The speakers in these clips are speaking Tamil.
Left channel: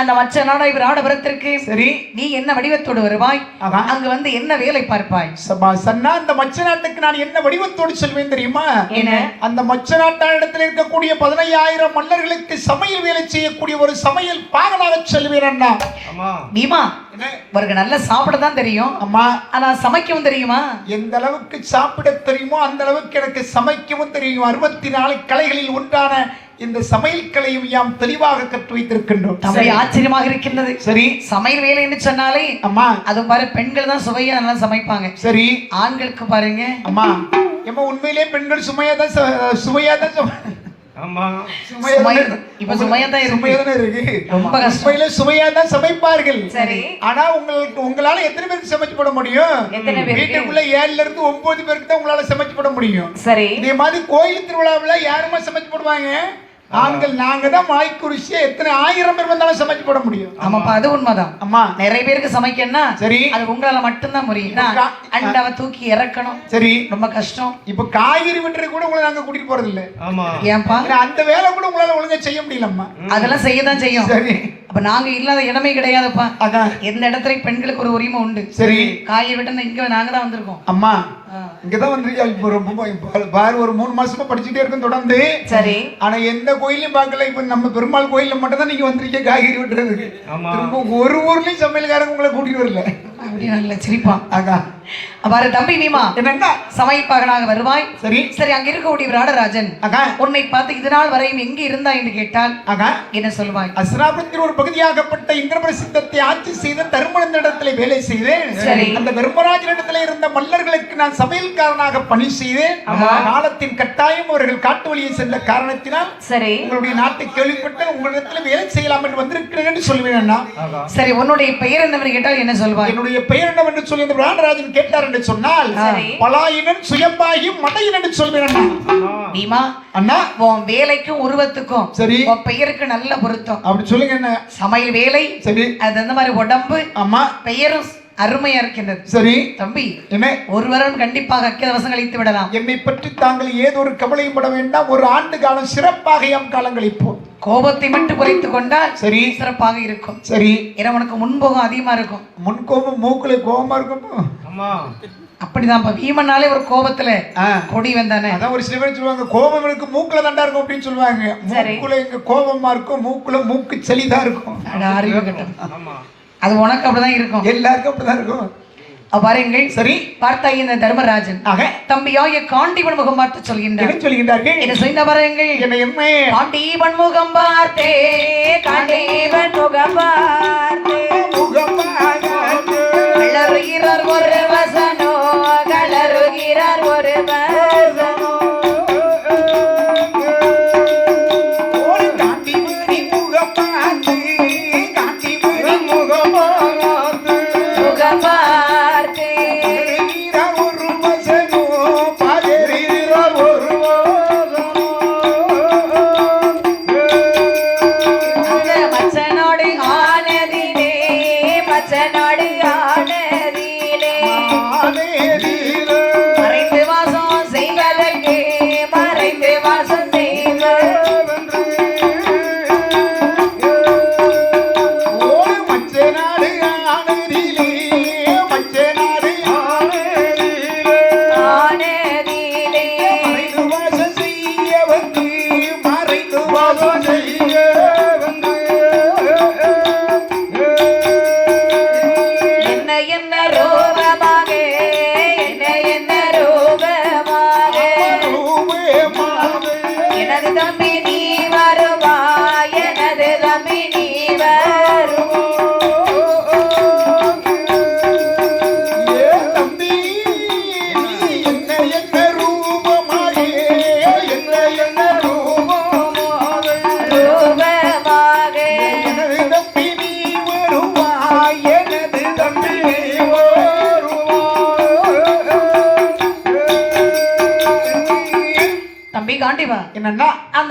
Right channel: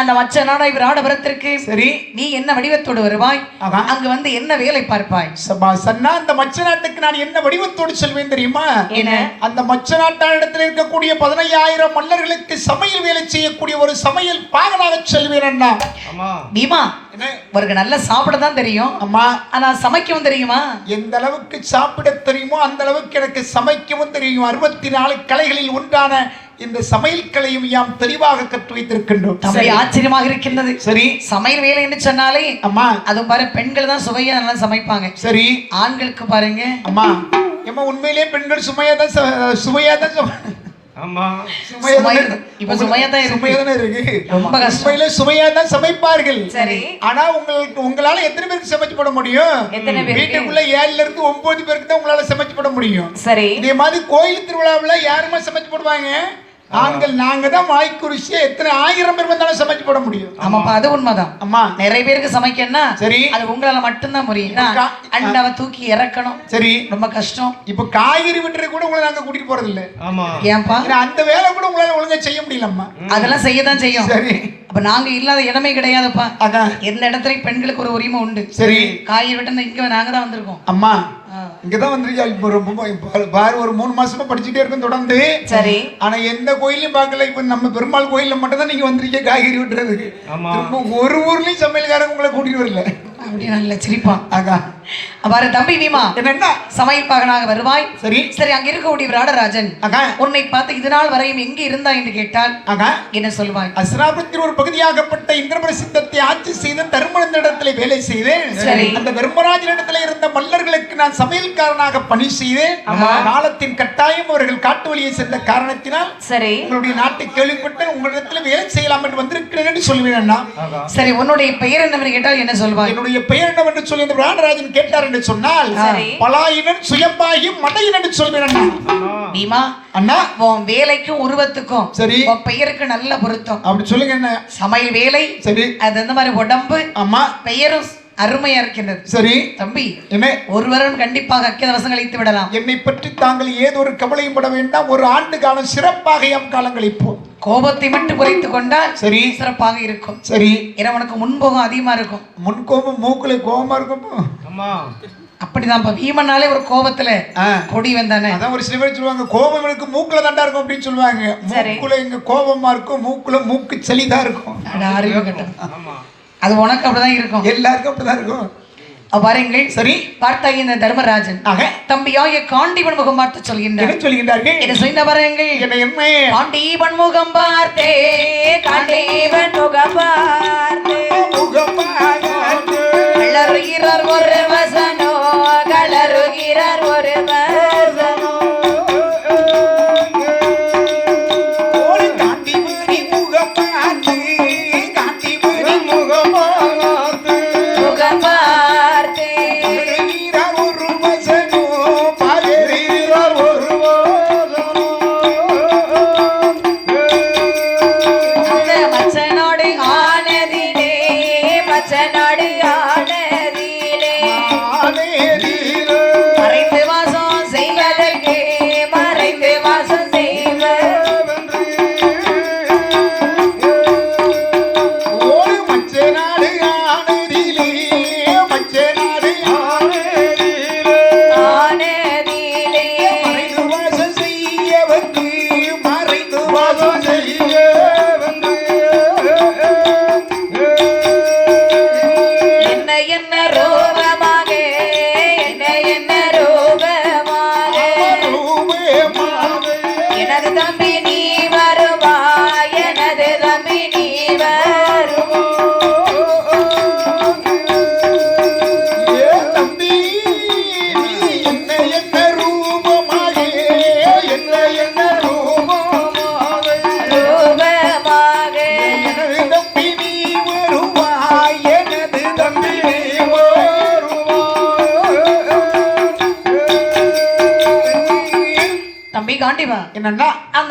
அந்த மச்சனான இவர் ஆடபுரத்திற்கு சரி நீ என்ன வடிவத்தோடு வருவாய், அங்க வந்து என்ன வேலை பார்ப்பாய்? சன்னா அந்த மச்ச நாட்டுக்கு நான் என்ன வடிவத்தோடு செல்வேன் தெரியுமா? என்ன? அந்த மச்ச நாட்டில் இருக்கக்கூடிய 15,000 மன்னர்களுக்கு சமையல் வேலை செய்யக்கூடிய ஒரு சமையல் பாகனாக செல்வேன் அண்ணா. பீமா அவருக்கு நல்ல சாப்பிட தான் தெரியும் அம்மா, ஆனா சமைக்கவும் தெரியுமா? எந்த அளவுக்கு சாப்பிட தெரியுமோ அந்த அளவுக்கு எனக்கு சமைக்கவும் தெரியும். 64 கலைகளில் ஒன்றான இந்த சமையல் கலையும் யாம் தெளிவாக கற்று வைத்திருக்கின்றோம். ஆச்சரியமாக இருக்கின்றது. சரி, சமையல் வேலை என்று சொன்னாலே அம்மா அது பாரு பெண்கள் தான் சுவையா நல்லா சமைப்பாங்க. சரி, ஆண்களுக்கு பாருங்க அம்மா ஏமா உண்மையிலேயே பெண்கள் சுவையா தான் சமைப்பார்கள். சரி, ஆனா உங்களால எத்தனை பேருக்கு சமைச்சு போட முடியும்? வீட்டுக்குள்ள 7ல இருந்து 9 பேருக்கு தான் உங்களால சமைச்சு போட முடியும். சரி, இதே மாதிரி கோயில் திருவிழாவில் யாருமே சமைச்சு போடுவாங்க? நாங்க தான் வாய்க்குறிச்சியா எத்தனை 1000 பேர் வந்தாலும் சமைச்சு போட முடியும். ஆமாப்பா, அது உண்மைதான். அம்மா நிறைய பேருக்கு சமைக்கணும்னா சரி அது உங்களால மட்டும்தான் முடியும். அண்டாவை தூக்கி இறக்கணும், சரி ரொம்ப கஷ்டம். இப்ப காய்கறி வெட்டுறது கூட உங்களை நாங்க கூட்டிட்டு போறது இல்ல. ஏன்பா? அந்த வேலை கூட உங்களால ஒழுங்கா செய்ய முடியலம்மா. அதெல்லாம் செய்யதான் செய்யும். சரி, அப்ப நாங்க இல்லாத இடமே கிடையாதுப்பா. எந்த இடத்துல பெண்களுக்கு ஒரு உரிமை உண்டு. சரி, காய்கறி வெட்ட இங்க நாங்க தான் வந்திருக்கோம். அம்மா இங்கதான் வந்திருக்கா. பாரு ஒரு 3 மாசமா படிச்சுட்டே இருக்கும் தொடர்ந்து. சரி, ஆனா எந்த கோயிலையும் பார்க்கல. இப்ப நம்ம பெருமாள் கோயில்ல மட்டும் தான் நீங்க வந்திருக்கீங்க காய்கறி வெட்டுறதுக்கு. ஒரு ஊர்லயும் சமையல்காரங்க உங்களை கூட்டிட்டு வரல. அப்படி நல்ல சிரிப்பான். பாரு தம்பி பீமா, என்ன சமைப்பாகனாக வருவாய். சரி சரி, அங்க இருக்கக்கூடிய ராடராஜன் உன்னை பார்த்து இது நாள் வரையும் எங்க இருந்தா என்று கேட்டால் என்ன சொல்வாய்? அஸ்ராபத்தின் ஒரு பகுதியாகப்பட்ட இந்திரபிரசித்தத்தை ஆட்சி செய்த தர்மனிடத்திலே வேலை செய்தேன். அந்த தர்மராஜனிடத்திலே இருந்த மல்லர்களுக்கு நான் சமையல்காரனாக பணி செய்தேன். காலத்தின் கட்டாயம் அவர்கள் காட்டு வழியை சென்ற காரணத்தினால் சரி உங்களுடைய நாட்டை கேள்விப்பட்டு உங்களிடத்துல வேலை செய்யலாம் என்று வந்திருக்கிறேன் என்று சொல்வேன். சரி, உன்னுடைய பெயர் என்னவென்று கேட்டால் என்ன சொல்வாய்? என்னுடைய பெயர் என்னவென்று சொல்லி இந்த ராடராஜன் கேட்டார் என்று சொன்னால் பலாயினன் சுயம்பாகி மடையன் என்று சொல்வேன். பீமா அண்ணா, உன் வேலைக்கும் உருவத்துக்கும் சரி உன் பெயருக்கு நல்ல பொருத்தம். அப்படி சொல்லுங்க. என்ன சமையல் வேலை? சரி, அது அந்த மாதிரி உடம்பு அம்மா பெயரும் அருமையா இருக்கின்றது. சரி தம்பி, என்ன ஒருவரும் கண்டிப்பாக அக்கியவசம் கழித்து விடலாம். என்னை பற்றி தாங்கள் ஏதோ ஒரு கவலையும் பட வேண்டாம். ஒரு ஆண்டு காலம் சிறப்பாக எம் காலங்களிப்போம். கோபத்தை மட்டும் குறைத்து கொண்டால் சரி சிறப்பாக இருக்கும். சரி, ஏன்னா உனக்கு முன்போகம் அதிகமா இருக்கும். முன்கோபம் மூக்குல கோபமா இருக்கும். அப்படிதான் வீமனாலே ஒரு கோபத்துல பொடி வந்தானே. அதான் ஒரு சில பேர் சொல்லுவாங்க கோபம் எனக்கு மூக்குல தாண்டா இருக்கும் அப்படின்னு சொல்லுவாங்க. மூக்குல எங்க கோபமா இருக்கும், மூக்குல மூக்கு செளிதான் இருக்கும். அறிவு கட்டம். அது உனக்கு அப்படிதான் இருக்கும், எல்லாருக்கும் அப்படிதான் இருக்கும். பாருங்கள். சரி, பார்த்தா இந்த தர்மராஜன் தம்பியாக காண்டிபன் முகம் பார்த்து சொல்கின்றார்கள். என்ன செய்த பாருங்கள். காண்டிபன் முகம் பார்த்தே, காண்டிபன் முகம் பார்த்தே கலருகிறார் ஒரு வசனோ, கலருகிறார் ஒரு வசனோ.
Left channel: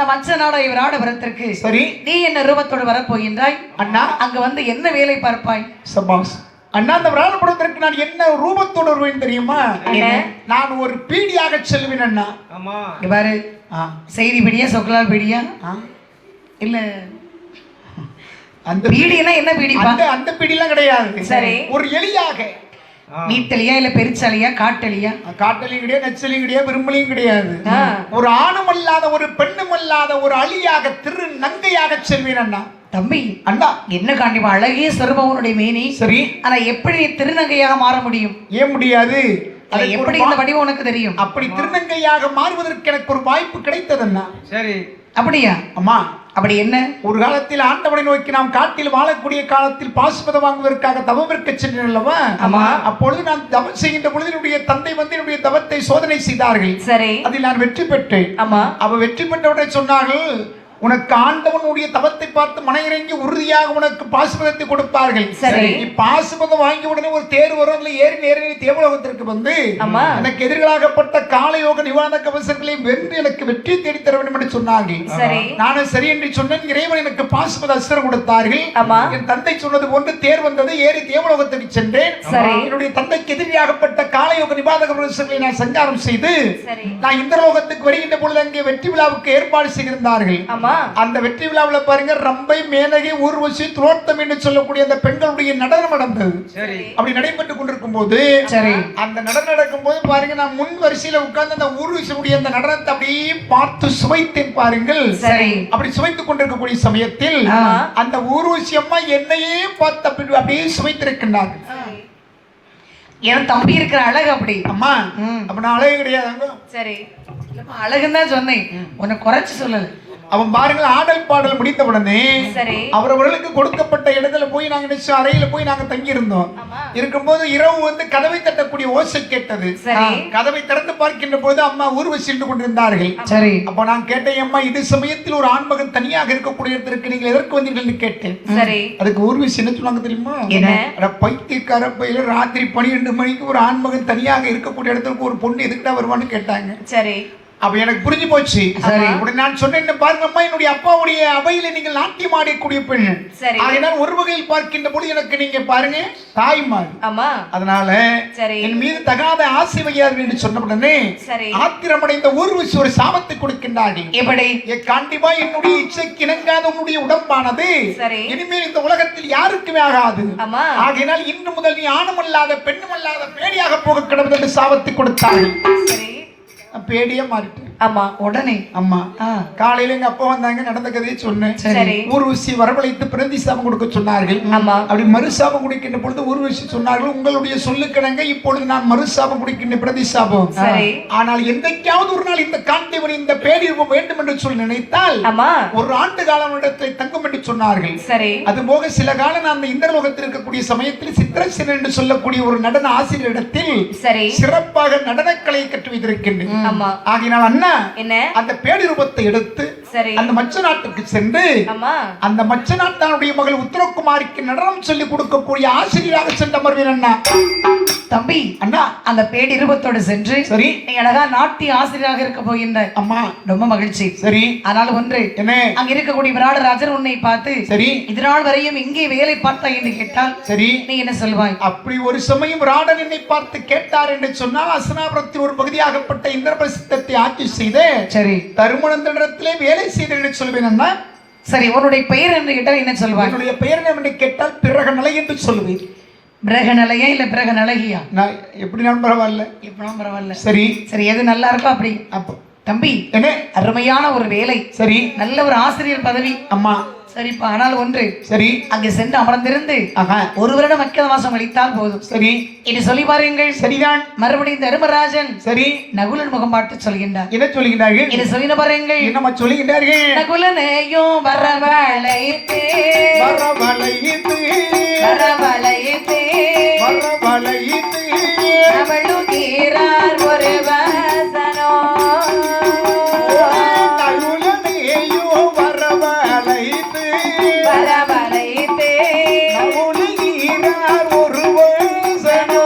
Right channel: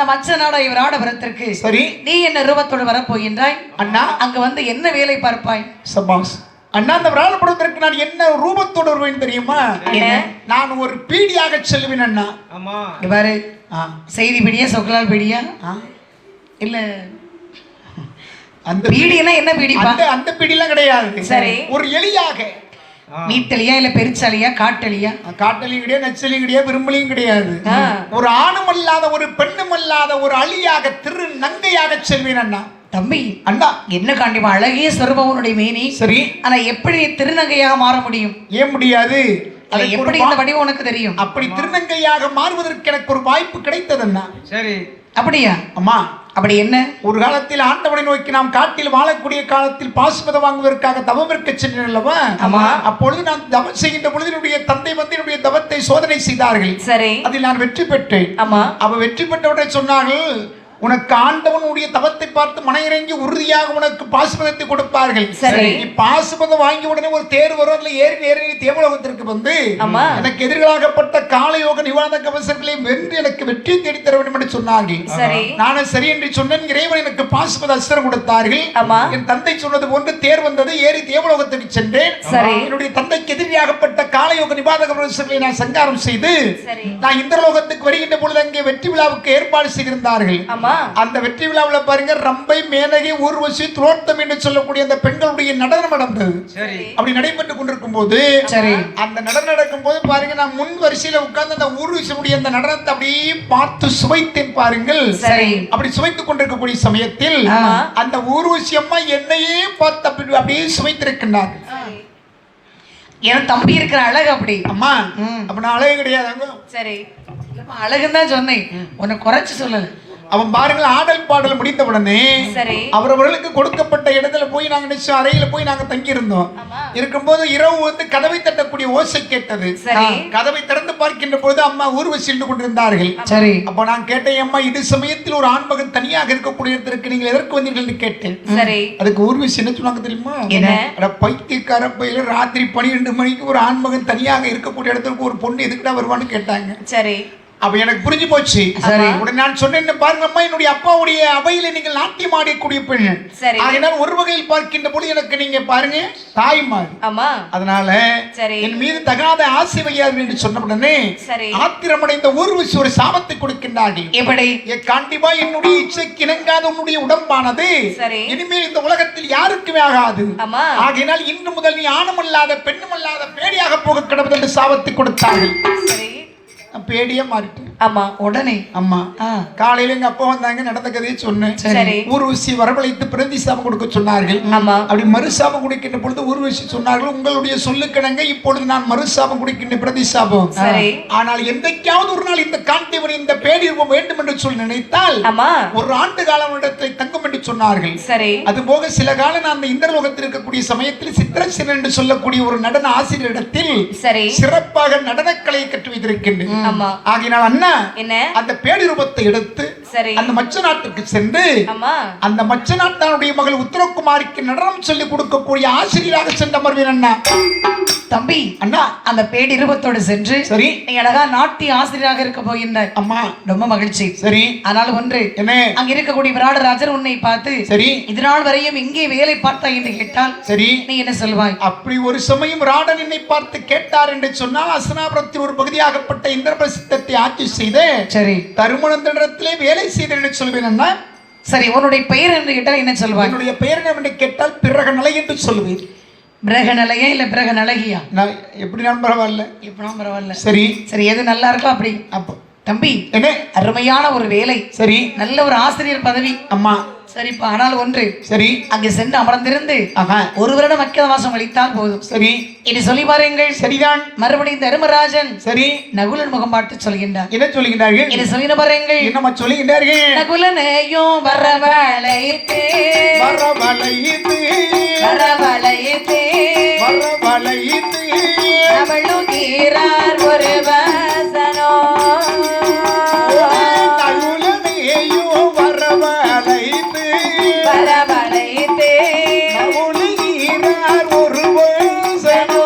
மச்ச நாடா இவர் ஆடபுரத்திற்கு சரி நீ என்ன ரூபத்தோடு வரப்போகின்றாய் அண்ணா அங்க வந்து என்ன வேலை பார்ப்பாய் சபாஸ் அண்ணா அந்த விராடபுரத்திற்கு நான் என்ன ரூபத்தோடு வருவேன் தெரியுமா நான் ஒரு பீடியாக செல்வேன் அண்ணா ஆமா இவ்வாறு செய்தி பிடியா சொக்கலால் பிடியா இல்ல அந்த பீடினா என்ன பீடி அந்த பீடிலாம் கிடையாது சரி ஒரு எலியாக நீத்தலியா இல்ல பெருச்சாலியா காட்டலியா காட்டலியும் கிடையாது நச்சலியும் கிடையாது விரும்பலையும் கிடையாது ஒரு ஆணும் அல்லாத ஒரு பெண்ணும் அல்லாத ஒரு அழியாக திரு நங்கையாக செல்வேன் அண்ணா தம்பி அண்ணா என்ன காண்டிப்பா அழகிய சொருபவனுடைய மேனி சரி ஆனா எப்படி திருநங்கையாக மாற முடியும் ஏன் முடியாது எப்படி இந்த வடிவம் உனக்கு தெரியும் அப்படி திருநங்கையாக மாறுவதற்கு எனக்கு ஒரு வாய்ப்பு கிடைத்தது அண்ணா சரி அப்படியா அம்மா அப்படி என்ன ஒரு காலத்தில் ஆண்டவனை நோக்கி நாம் காட்டில் வாழக்கூடிய காலத்தில் பாசுபதம் வாங்குவதற்காக தவம் இருக்க சென்றேன் அல்லவா ஆமா அப்பொழுது நான் தவம் செய்கின்ற பொழுது என்னுடைய தந்தை வந்து என்னுடைய தவத்தை சோதனை செய்தார்கள் சரி அதில் நான் வெற்றி பெற்றேன் ஆமா அவ வெற்றி பெற்றவுடனே சொன்னார்கள் உனக்கு ஆண்டவனுடைய தவத்தை பார்த்து மனையிறங்கி உறுதியாக உனக்கு பாசுபதத்தை கொடுப்பார்கள் சரி பாசுபதம் வாங்கி உடனே ஒரு தேர் வரும் அதுல ஏறி நேரடி தேவலோகத்திற்கு வந்து எனக்கு எதிர்களாகப்பட்ட காலயோக நிவாரண கவசங்களை வென்று எனக்கு வெற்றி தேடி தர வேண்டும் என்று சொன்னார்கள் நானும் சரி என்று சொன்னேன் இறைவன் எனக்கு பாசுபத அஸ்திரம் கொடுத்தார்கள் என் தந்தை சொன்னது போன்று தேர் வந்தது ஏறி தேவலோகத்திற்கு சென்றேன் என்னுடைய தந்தைக்கு எதிரியாகப்பட்ட காலயோக நிவாரண கவசங்களை நான் சங்காரம் செய்து நான் இந்திரலோகத்துக்கு வருகின்ற பொழுது அங்கே வெற்றி விழாவுக்கு ஏற்பாடு செய்திருந்தார்கள் அந்த வெற்றி விழாவில் பாருங்க ரம்பை மேனகை ஊர்வசி துரோத்தம் என்று சொல்லக்கூடிய அந்த பெண்களுடைய நடனம் நடந்தது அப்படி நடைபெற்றுக் கொண்டிருக்கும் போது அந்த நடனம் நடக்கும் போது பாருங்க நான் முன் வரிசையில உட்கார்ந்து அந்த ஊர்வசியுடைய அந்த நடனத்தை அப்படியே பார்த்து சுவைத்தேன் பாருங்கள் அப்படி சுவைத்துக் கொண்டிருக்கக்கூடிய சமயத்தில் அந்த ஊர்வசி அம்மா என்னையே பார்த்து அப்படியே சுவைத்திருக்கின்றார் என் தம்பி இருக்கிற அழகு அப்படி அம்மா அப்ப நான் அழகு கிடையாது சரி அழகுன்னு தான் சொன்னேன் உன்னை குறைச்சு சொல்லல அவன் பாருங்கள் ஆடல் பாடல் முடித்த உடனே அவரவர்களுக்கு கொடுக்கப்பட்ட இடத்துல போய் நாங்க நிச்சயம் அறையில போய் நாங்க தங்கி இருந்தோம் இருக்கும்போது இரவு வந்து கதவை தட்டக்கூடிய ஓசை கேட்டது கதவை திறந்து பார்க்கின்ற போது அம்மா ஊர்வசி சென்று கொண்டிருந்தார்கள் சரி அப்ப நான் கேட்டேன் அம்மா இது சமயத்தில் ஒரு ஆண்மகன் தனியாக இருக்கக்கூடிய இடத்திற்கு நீங்கள் எதற்கு வந்தீர்கள் கேட்டேன் அதுக்கு ஊர்வசி என்ன சொன்னாங்க தெரியுமா பைத்தியக்கார பையில ராத்திரி 12 மணிக்கு ஒரு ஆண்மகன் தனியாக இருக்கக்கூடிய இடத்துக்கு ஒரு பொண்ணு எதுக்குடா வருவான்னு கேட்டாங்க சரி அப்ப எனக்கு புரிஞ்சு போச்சு உடனே நான் சொன்னேன் பாருங்க அம்மா என்னுடைய அப்பாவுடைய அவையில நீங்கள் நாட்டியம் ஆடக்கூடிய பெண் அதனால ஒரு வகையில் பார்க்கின்ற பொழுது எனக்கு நீங்க பாருங்க தாய்மார் அதனால என் மீது தகாத ஆசை வையாது என்று சொன்ன உடனே ஆத்திரமடைந்த ஊர்வசி ஒரு சாபத்தை கொடுக்கின்றார்கள் எப்படி கண்டிப்பா என்னுடைய இச்சைக்கு இணங்காத உன்னுடைய உடம்பானது இனிமேல் இந்த உலகத்தில் யாருக்குமே ஆகாது ஆகையினால் இன்று முதல் நீ ஆணுமல்லாத பெண்ணுமல்லாத பேடியாக போக கிடப்பது என்று சாபத்தை கொடுத்தார்கள் பேடியா மாறிட்டு ஆமா உடனே அம்மா காலையில எங்க அப்பா வந்தாங்க நடந்த கதையை சொன்னேன் ஊர்வசி வரவழைத்து பிரதி சாபம் கொடுக்க சொன்னார்கள் அப்படி மறுசாபம் கொடுக்கின்ற பொழுது ஊர்வசி சொன்னார்கள் உங்களுடைய சொல்லுக்கிணங்க இப்பொழுது நான் மறுசாபம் கொடுக்கின்ற பிரதி சாபம் ஆனால் என்றைக்காவது ஒரு நாள் இந்த காண்டிவன் இந்த பேடி வேண்டும் என்று சொல்லி நினைத்தால் ஒரு ஆண்டு காலம் இடத்தை தங்கும் என்று சொன்னார்கள் அது போக சில காலம் நான் அந்த இந்திரலோகத்தில் இருக்கக்கூடிய சமயத்தில் சித்திரசேனன் என்று சொல்லக்கூடிய ஒரு நடன ஆசிரியரிடத்தில் சிறப்பாக நடனக்கலையை கற்று வைத்திருக்கின்றேன் ஆகினால் அண்ணா அந்த பேடி ரூபத்தை எடுத்து அந்த மச்ச நாட்டுக்கு சென்று அந்த மச்ச நாட்டானுடைய மகள் உத்தரகுமாரிக்கு நடனம் சொல்லிக் கொடுக்கக்கூடிய ஆசிரியராக சென்ற மருவின் அண்ணா தம்பி அண்ணா அந்த பேடி ரூபத்தோடு சென்று சரி நீ அழகா நாட்டிய ஆசிரியராக இருக்க போகின்றாய் அம்மா ரொம்ப மகிழ்ச்சி சரி ஆனால் ஒன்று என்ன அங்க இருக்கக்கூடிய விராடராஜர் உன்னை பார்த்து சரி இதனால் வரையும் இங்கே வேலை பார்த்தாய் என்று கேட்டால் சரி நீ என்ன சொல்வாய் அப்படி ஒரு சமயம் விராடன் என்னை பார்த்து கேட்டார் என்று சொன்னால் அசனாபுரத்தின் ஒரு பகுதியாகப்பட்ட இந்திரபிரசித்தத்தை ஆட்சி செய்து சரி தருமணத்திலே வேலை செய்து சொல்வேன் அண்ணா சரி உன்னுடைய பெயர் என்று கேட்டால் என்ன சொல்வாய் என்னுடைய பெயர் என்று கேட்டால் பிறகநிலை என்று சொல்வேன் பிரகநலையா இல்ல பிரகநலகியா நான் எப்படி நான் பரவாயில்ல எப்படியும் பரவாயில்ல சரி சரி எது நல்லா இருக்கோ அப்படி அப்போ தம்பி என்ன அருமையான ஒரு வேலை சரி நல்ல ஒரு ஆசிரியர் பதவி அம்மா சரிப்பா ஆனால் ஒன்று சரி அங்கே சென்று அமர்ந்திருந்து ஒரு வருடம் அக்கிர மாசம் கழித்தால் போதும் சரி இனி சொல்லி பாருங்கள் சரிதான் மறுபடியும் தர்மராஜன் சரி நகுலன் முகம் பார்த்து சொல்கின்றார் என்ன சொல்கின்றார்கள் இனி சொல்லி பாருங்கள் என்னமா சொல்கின்றார்கள் நகுலனையும் வரவழைத்தே வரவழைத்தே வரவழைத்தே வரவழைத்தே அவளுகிறார் ஒரு வசனோ நகுலனையும் வரவழைத்தே வரவழைத்தே அவளுகிறார் ஒரு வசனோ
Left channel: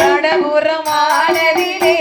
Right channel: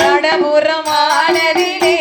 நடபுறமானதிலே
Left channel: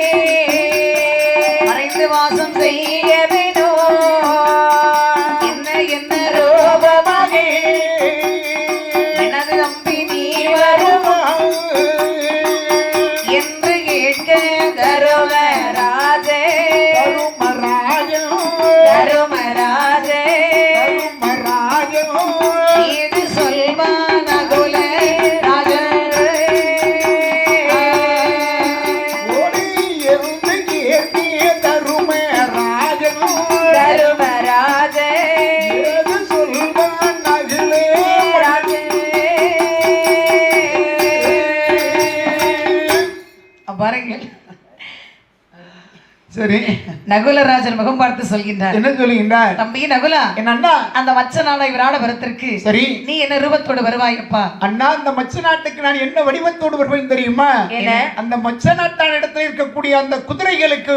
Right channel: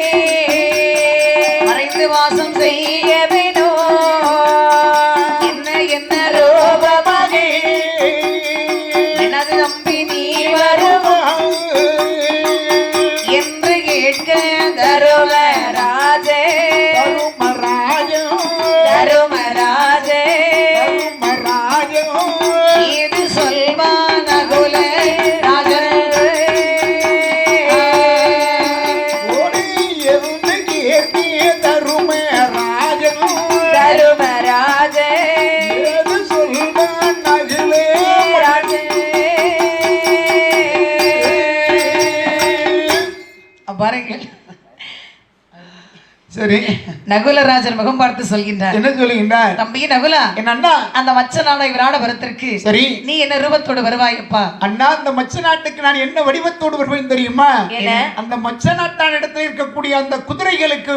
சரி நகுலராஜன் முகம் பார்த்து சொல்கின்றார். என்ன சொல்லுகின்றார்? தம்பி நகுலா, என் அண்ணா, அந்த மச்ச நாளை விராட வரத்திற்கு சரி நீ என்ன ரூபத்தோடு வருவாயப்பா? அண்ணா, அந்த மச்ச நாட்டுக்கு நான் என்ன வடிவத்தோடு வருவேன் தெரியுமா? அந்த மச்ச நாட்டான் இடத்துல இருக்கக்கூடிய அந்த குதிரைகளுக்கு